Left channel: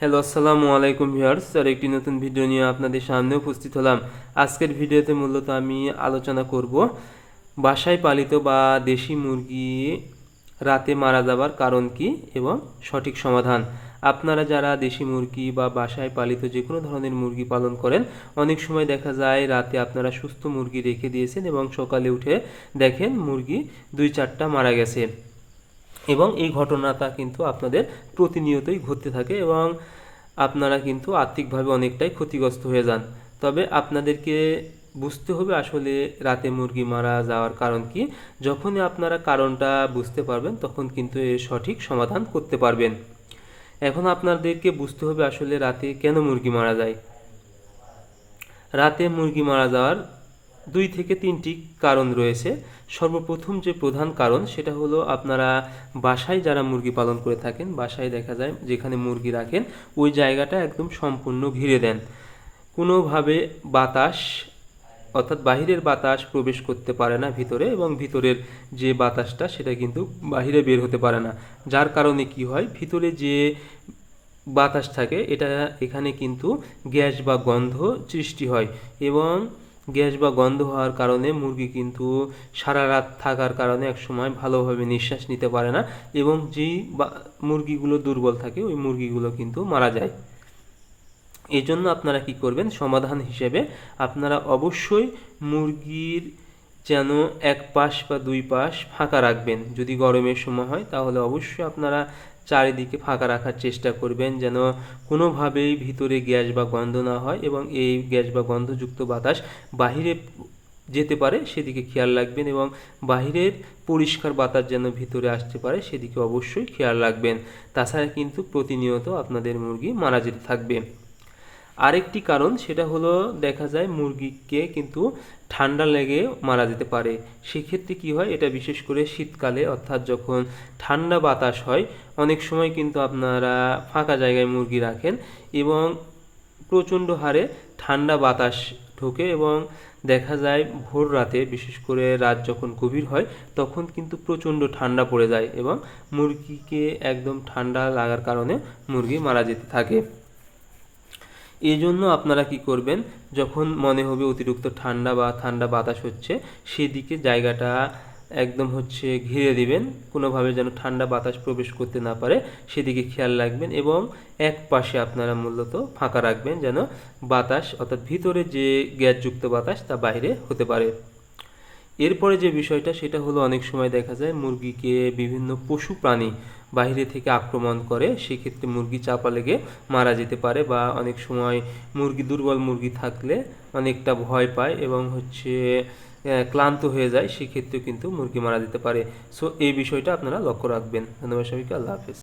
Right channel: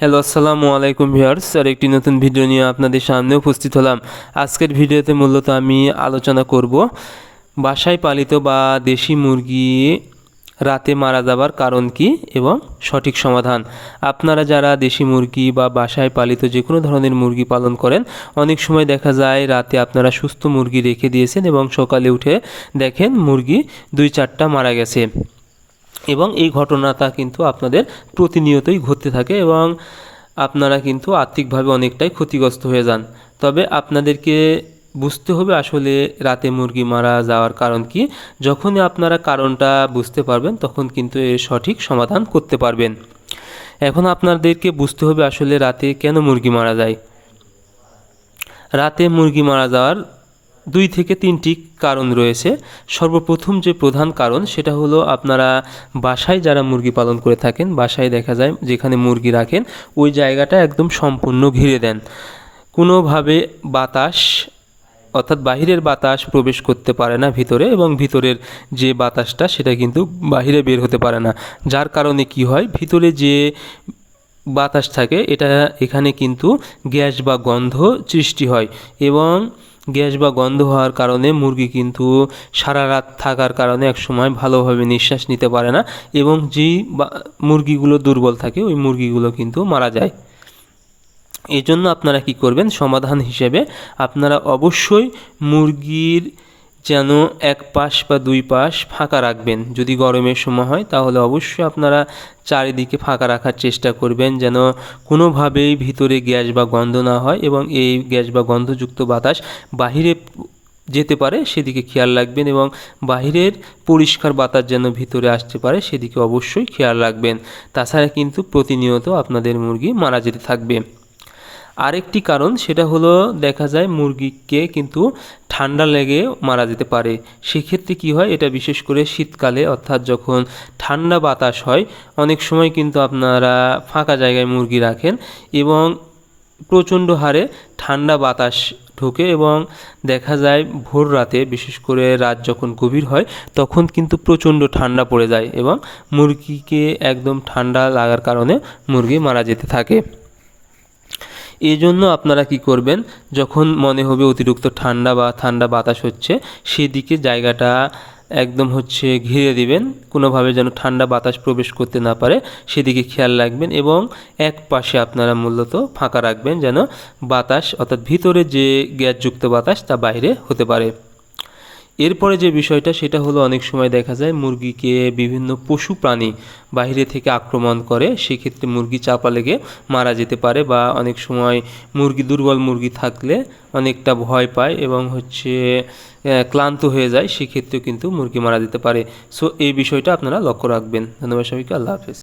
Hello, আসসালামু আলাইকুম viewers. আর একটি নতুন ভিডিও নিয়ে আপনাদের সামনে উপস্থিত হলাম। আজকের ভিডিওতে মূলত আমি আলোচনা করব বাসায় পালিত বা দেশি মুরগি রাতে মারা যাবার কারণ কি এবং সঠিক সমাধান। আপনারা যারা দেশি মুরগি বা বাসায় পালিত যে কোনো ধরনের মুরগি পালন করেন, অনেক সময় দেখা যায় রাতে আপনারা সুস্থ মুরগি রেখে দিয়েছেন এবং সকালে উঠে দেখেন মুরগি 2-4টা মারা গেছে। এবং এই ঘটনাটা কিন্তু আপনাদের প্রতিনিয়তই ঘটতে থাকে এবং আপনারা কিন্তু আর্থিকভাবে অনেকটাই ক্ষতিগ্রস্ত হয়ে যান। তবে আপনাদেরকে বুঝতে হবে আসলে রাতে মুরগি মারা যাওয়ার কারণ কি। যখনই আপনারা কারণটা বুঝতে পারবেন তখন কিন্তু এর সঠিক সমাধান করতে পারবেন। এখন আপনাদেরকে বুঝতে হবে আসলে রাতে কেন মুরগি মারা যায়। রাতে মুরগি মারা যাওয়ার 2 থেকে 3টি কারণ রয়েছে। সর্বপ্রথম যে প্রধান কারণ সেটা হলো, আপনারা বাসায় যারা মুরগি পালন করে থাকেন, বাসায় দেখা যায় যেখানে মুরগি রাখেন ওই জায়গাটা একদম সম্পূর্ণ ঘিরে দেন। কোনোভাবে বাতাস অর্থাৎ বাহিরের বাতাস প্রবেশ করতে পারে না ভিতরে, এবং ভিতরের যে বাতাসটা সেটা কিন্তু বাহিরে বের হতে পারে না। যার কারণে কি হয়, ভিতরে যে বাতাস থাকে এখানে কিন্তু গ্যাস বা গন্ধ সৃষ্টি হয়, এবং গ্যাস বা গন্ধ হওয়ার কারণে মুরগি কিন্তু সারা রাত থাকার কারণে একসময় ভালোভাবে নিঃশ্বাস নিতে পারে না, এবং যেই মুরগিগুলো দুর্বল থাকে ওই মুরগিগুলো কিন্তু মারা যায়। এই জন্য আপনারা কি করবেন, সমাধান হিসেবে আপনারা অবশ্যই মুরগির যেন এক পাশ বা 2 পাশ ফাঁকা রাখবেন। যদি গরমের সময় হয় তাহলে অবশ্যই আপনারা চারিদিকে ফাঁকা রাখার চেষ্টা করবেন, যেন কোনোভাবেই ভিতরে গ্যাস বা গন্ধ না হয় এবং এই গ্যাস বা গন্ধযুক্ত বাতাস বাহিরে যেতে পারে সেদিকে খেয়াল রাখবেন, এবং বাহিরের পরিষ্কার বাতাস যেন ভিতরে আসতে পারে সেদিকে অবশ্যই খেয়াল রাখবেন। তাছাড়া কিন্তু প্রতিনিয়ত আপনাদের মুরগি মারা যেতে থাকবে। আরেকটি কারণ সেটা হলো, দেখা যায় মুরগিকে কিন্তু ঠান্ডা লেগে মারা যেতে পারে। সেক্ষেত্রে কি হয়, এটা বিশেষ করে শীতকালে অর্থাৎ যখন ঠান্ডা বাতাস হয়, অনেক সময় কিন্তু আপনারা ফাঁকা জায়গায় মুরগি রাখেন এবং প্রচণ্ড হারে ঠান্ডা বাতাস ঢোকে, এবং দেখা যায় ভোর রাতে, বিশেষ করে রাত যখন গভীর হয় তখন কিন্তু প্রচণ্ড ঠান্ডা পড়ে যায় এবং মুরগিকে একদম ঠান্ডা লাগার কারণে মুরগি মারা যেতে থাকে। এই জন্য আপনারা কি করবেন, যখন মনে হবে অতিরিক্ত ঠান্ডা বা ঠান্ডা বাতাস হচ্ছে, সেদিকে জায়গাটা একদম ঘিরে দিবেন, কোনোভাবে যেন ঠান্ডা বাতাস প্রবেশ করতে না পারে সেদিকে খেয়াল রাখবেন, এবং এক পাশে আপনারা মূলত ফাঁকা রাখবেন যেন বাতাস অর্থাৎ ভিতরে যে গ্যাসযুক্ত বাতাস তা বাইরে হতে পারে। এরপরে যে বিষয়টা সেটা হলো, অনেক সময় দেখা যায় মুরগিকে বিভিন্ন পশু প্রাণী বাইরে থেকে আক্রমণ করে, সেক্ষেত্রে মুরগি চাপা লেগে মারা যেতে পারে, বা অনেক সময় দুর্বল মুরগি থাকলে অনেকটা ভয় পায় এবং ক্লান্ত হয়ে যায়, সেক্ষেত্রেও কিন্তু মুরগি মারা যেতে পারে। সো এই বিষয়টা আপনারা লক্ষ্য রাখবেন। ধন্যবাদ সবাইকে, আল্লাহ হাফেজ।